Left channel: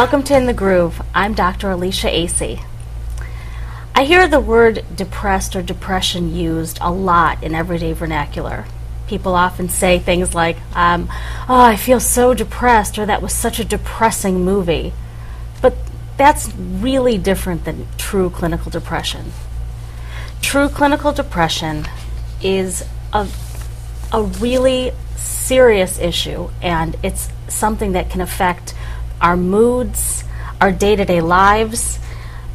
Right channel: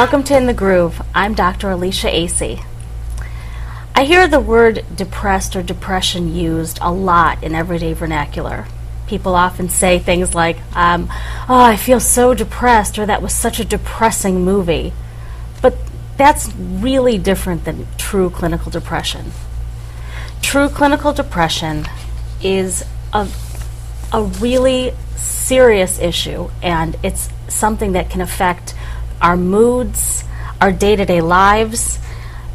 Welcome to In the Groove. I'm Dr. Alicia Acey. I hear the word depressed or depression used a lot in everyday vernacular. People often say things like, oh, I feel so depressed, or that was such a depressing movie. But that's really different than true clinical depression. True clinical depression is a really serious issue, and it's something that can affect our moods, our day-to-day lives.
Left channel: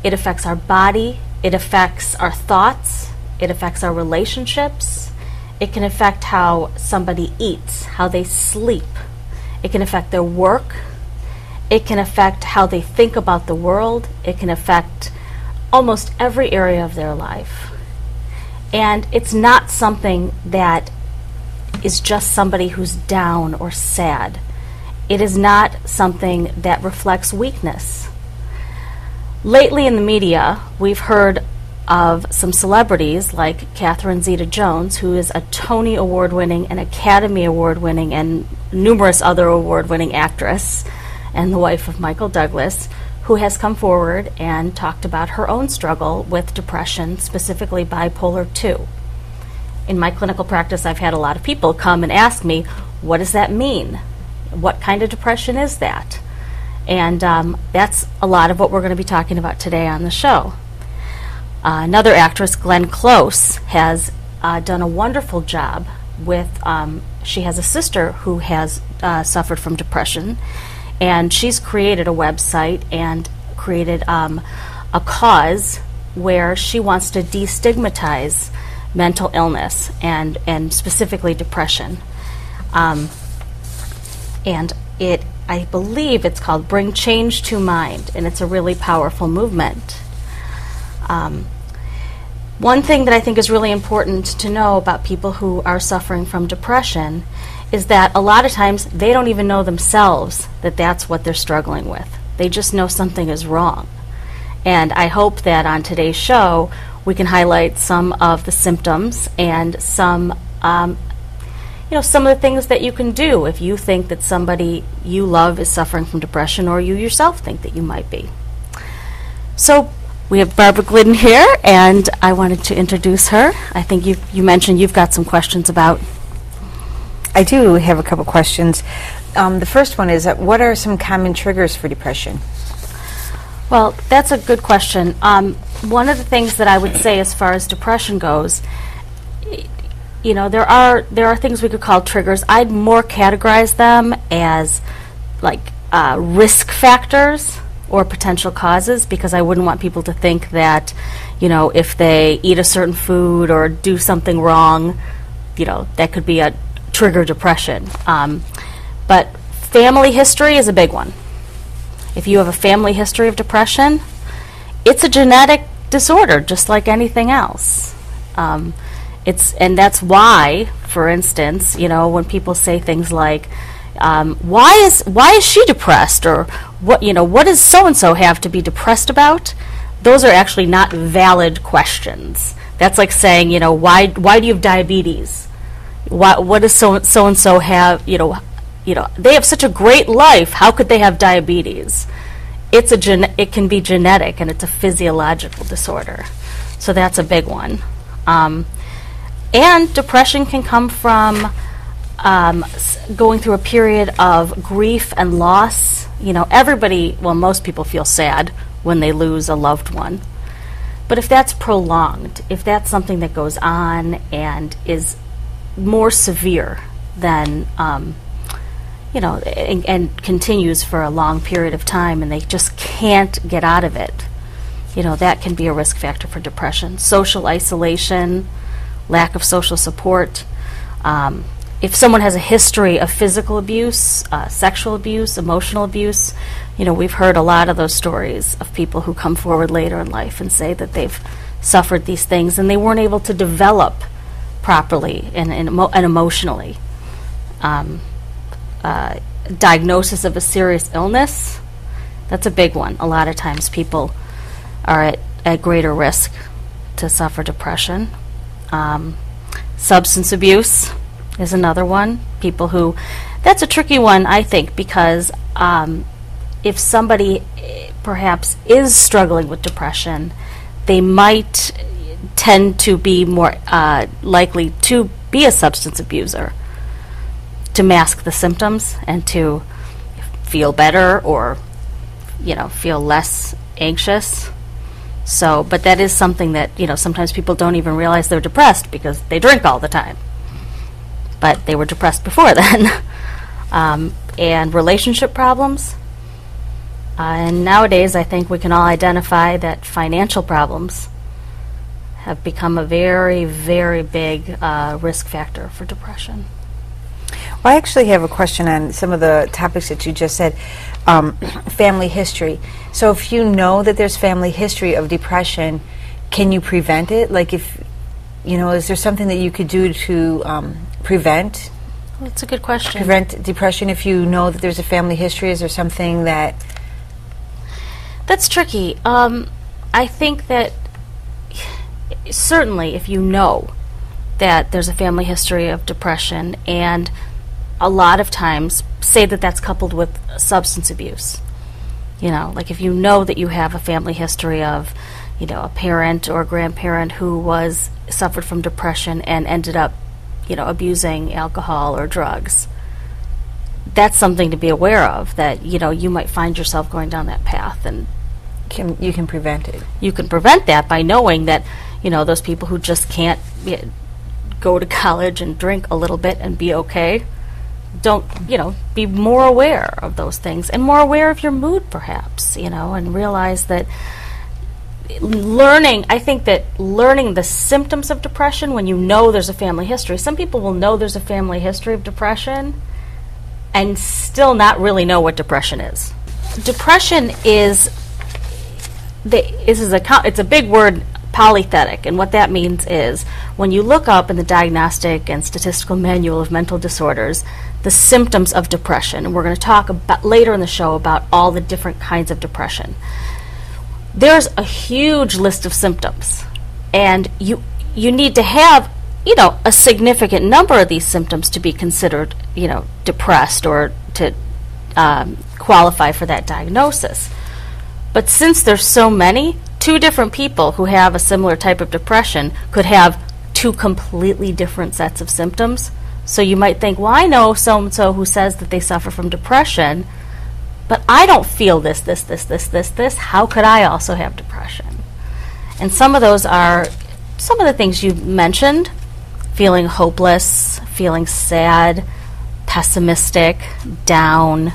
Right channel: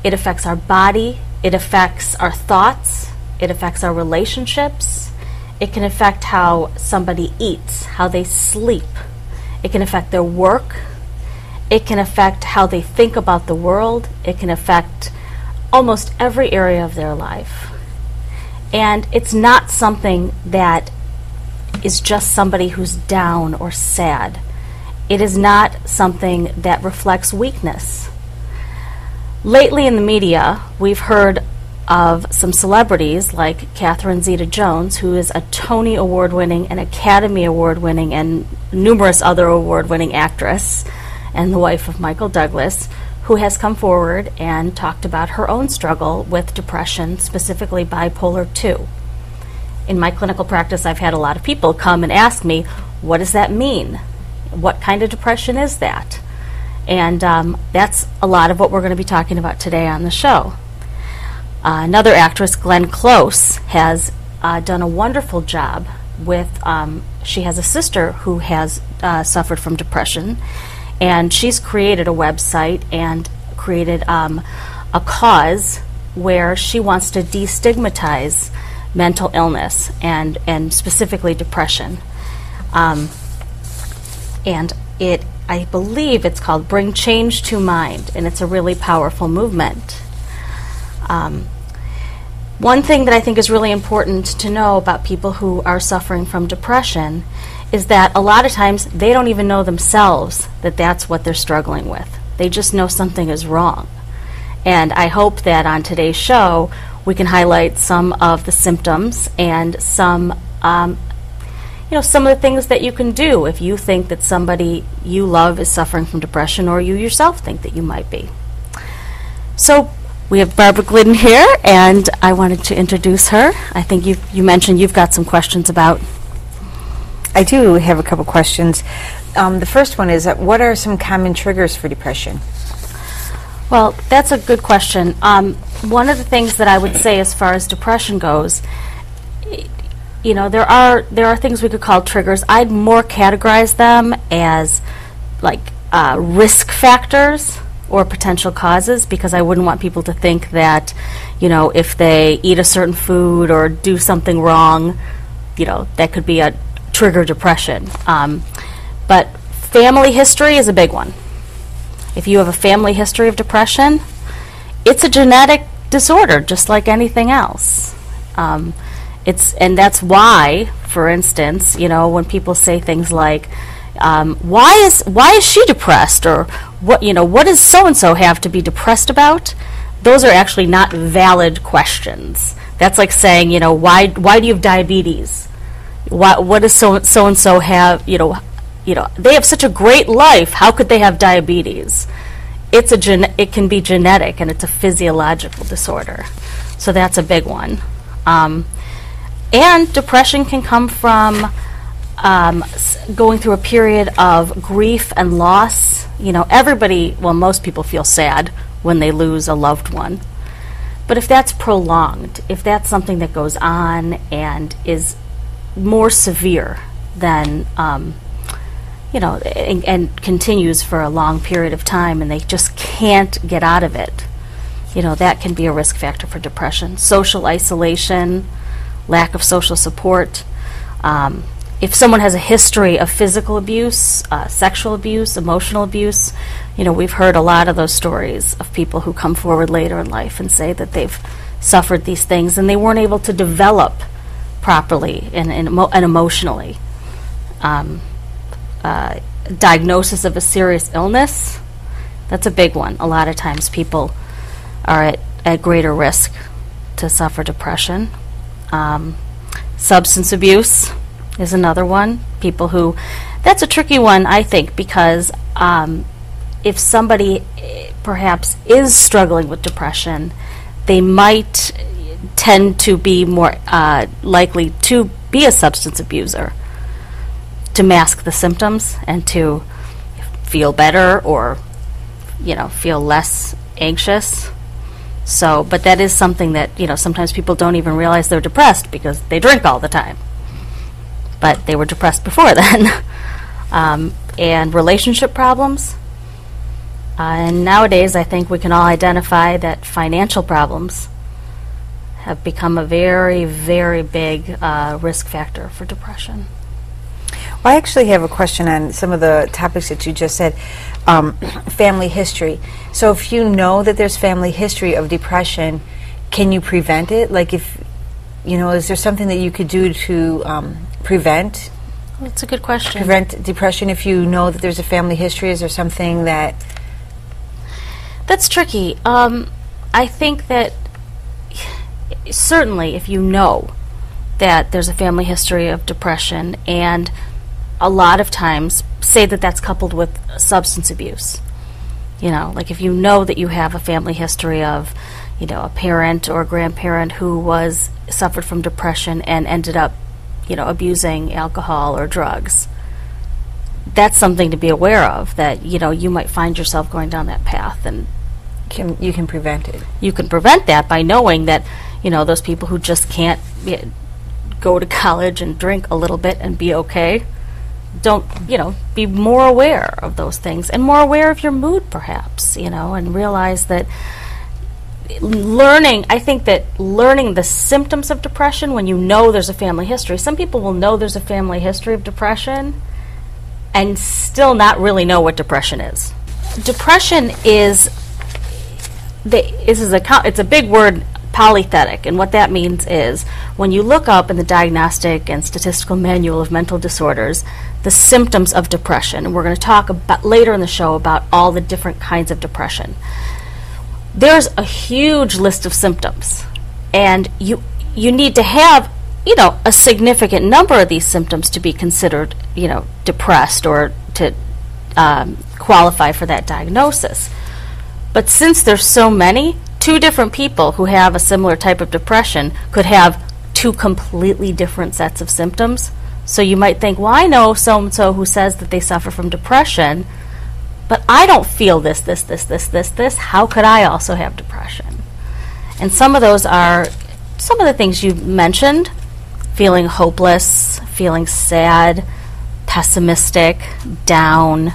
It affects our body, it affects our thoughts, it affects our relationships. It can affect how somebody eats, how they sleep. It can affect their work. It can affect how they think about the world. It can affect almost every area of their life. And it's not something that is just somebody who's down or sad. It is not something that reflects weakness. Lately in the media, we've heard of some celebrities like Catherine Zeta-Jones, who is a Tony Award-winning and Academy Award-winning and numerous other award-winning actress, and the wife of Michael Douglas, who has come forward and talked about her own struggle with depression, specifically bipolar II. In my clinical practice, I've had a lot of people come and ask me, what does that mean? What kind of depression is that? And that's a lot of what we're going to be talking about today on the show. Another actress, Glenn Close, has done a wonderful job with, she has a sister who has suffered from depression, and she's created a website and created a cause where she wants to destigmatize mental illness and specifically depression. And I believe it's called Bring Change to Mind, and it's a really powerful movement. One thing that I think is really important to know about people who are suffering from depression is that a lot of times they don't even know themselves that that's what they're struggling with. They just know something is wrong. And I hope that on today's show we can highlight some of the symptoms and some some of the things that you can do if you think that somebody you love is suffering from depression, or you yourself think that you might be. So we have Barbara Glidden here, and I wanted to introduce her. I think you mentioned you've got some questions about. I do have a couple questions. The first one is, what are some common triggers for depression? Well, that's a good question. One of the things that I would say as far as depression goes, there are things we could call triggers. I'd more categorize them as like risk factors or potential causes, because I wouldn't want people to think that, if they eat a certain food or do something wrong, that could be a trigger depression. But family history is a big one. If you have a family history of depression, it's a genetic disorder, just like anything else. And that's why, for instance, when people say things like, why is she depressed, or what does so and so have to be depressed about? Those are actually not valid questions. That's like saying, why do you have diabetes? What does so and so have? They have such a great life. How could they have diabetes? It can be genetic, and it's a physiological disorder. So that's a big one. And depression can come from going through a period of grief and loss. Most people feel sad when they lose a loved one. But if that's prolonged, if that's something that goes on and is more severe than, and continues for a long period of time, and they just can't get out of it, that can be a risk factor for depression. Social isolation, lack of social support. If someone has a history of physical abuse, sexual abuse, emotional abuse, we've heard a lot of those stories of people who come forward later in life and say that they've suffered these things and they weren't able to develop properly and emotionally. Diagnosis of a serious illness, that's a big one. A lot of times people are at greater risk to suffer depression. Substance abuse is another one. People who, that's a tricky one, I think, because if somebody perhaps is struggling with depression, they might tend to be more likely to be a substance abuser, to mask the symptoms and to feel better or, feel less anxious. So, but that is something that, sometimes people don't even realize they're depressed because they drink all the time. But they were depressed before then. And relationship problems. And nowadays, I think we can all identify that financial problems have become a very, very big risk factor for depression. Well, I actually have a question on some of the topics that you just said. Family history. So if you know that there's family history of depression, can you prevent it? Like if, is there something that you could do to prevent? That's a good question. Prevent depression if you know that there's a family history? Is there something that... That's tricky. I think that certainly if you know that there's a family history of depression, and a lot of times say that that's coupled with substance abuse. Like if you know that you have a family history of, a parent or a grandparent who suffered from depression and ended up, abusing alcohol or drugs. That's something to be aware of, that, you might find yourself going down that path, and you can prevent it. You can prevent that by knowing that, those people who just can't go to college and drink a little bit and be okay, don't, be more aware of those things and more aware of your mood perhaps, and realize that I think that learning the symptoms of depression when you know there's a family history. Some people will know there's a family history of depression and still not really know what depression is. Depression is it's a big word, polythetic, and what that means is when you look up in the Diagnostic and Statistical Manual of Mental Disorders the symptoms of depression, and we're going to talk about later in the show about all the different kinds of depression. There's a huge list of symptoms, and you need to have a significant number of these symptoms to be considered depressed or to qualify for that diagnosis. But since there's so many, two different people who have a similar type of depression could have two completely different sets of symptoms. So you might think, well, I know so-and-so who says that they suffer from depression, but I don't feel this. How could I also have depression? And some of those are some of the things you mentioned: feeling hopeless, feeling sad, pessimistic, down,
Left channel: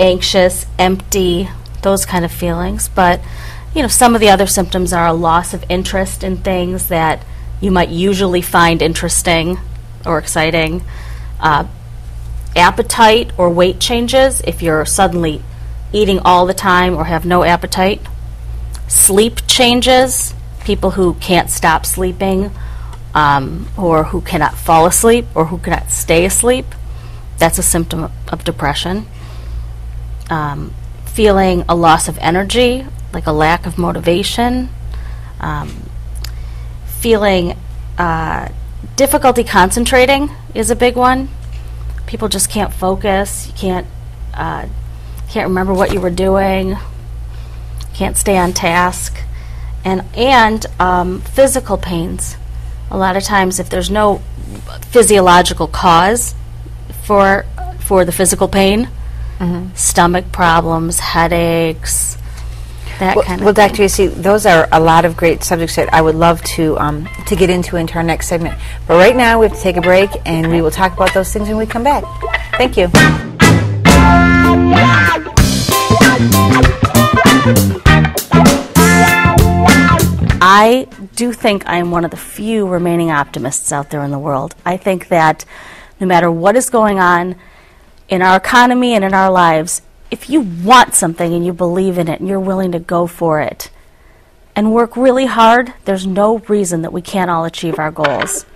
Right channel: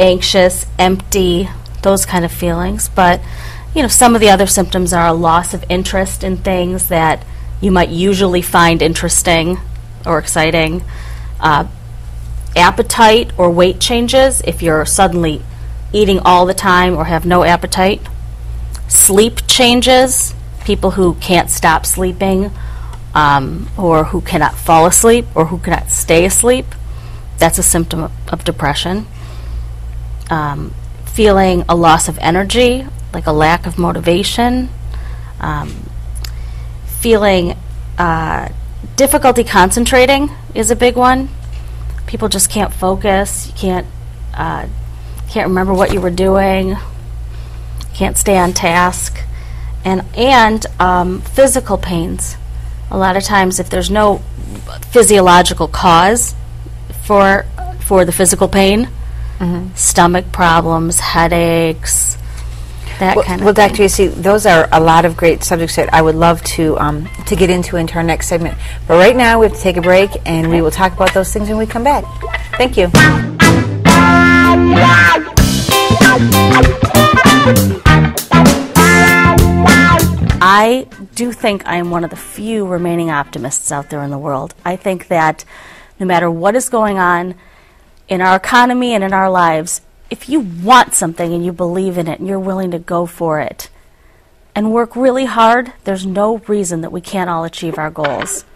anxious, empty, those kind of feelings. But, some of the other symptoms are a loss of interest in things that you might usually find interesting or exciting. Appetite or weight changes, if you're suddenly eating all the time or have no appetite. Sleep changes, people who can't stop sleeping, or who cannot fall asleep or who cannot stay asleep. That's a symptom of depression. Feeling a loss of energy, like a lack of motivation. Feeling difficulty concentrating is a big one. People just can't focus. You can't remember what you were doing. Can't stay on task. And physical pains. A lot of times, if there's no physiological cause for the physical pain, stomach problems, headaches, that kind of Well, Dr. Acey, those are a lot of great subjects that I would love to get into our next segment. But right now, we have to take a break, and we will talk about those things when we come back. Thank you. I do think I am one of the few remaining optimists out there in the world. I think that no matter what is going on in our economy and in our lives, if you want something and you believe in it and you're willing to go for it and work really hard, there's no reason that we can't all achieve our goals.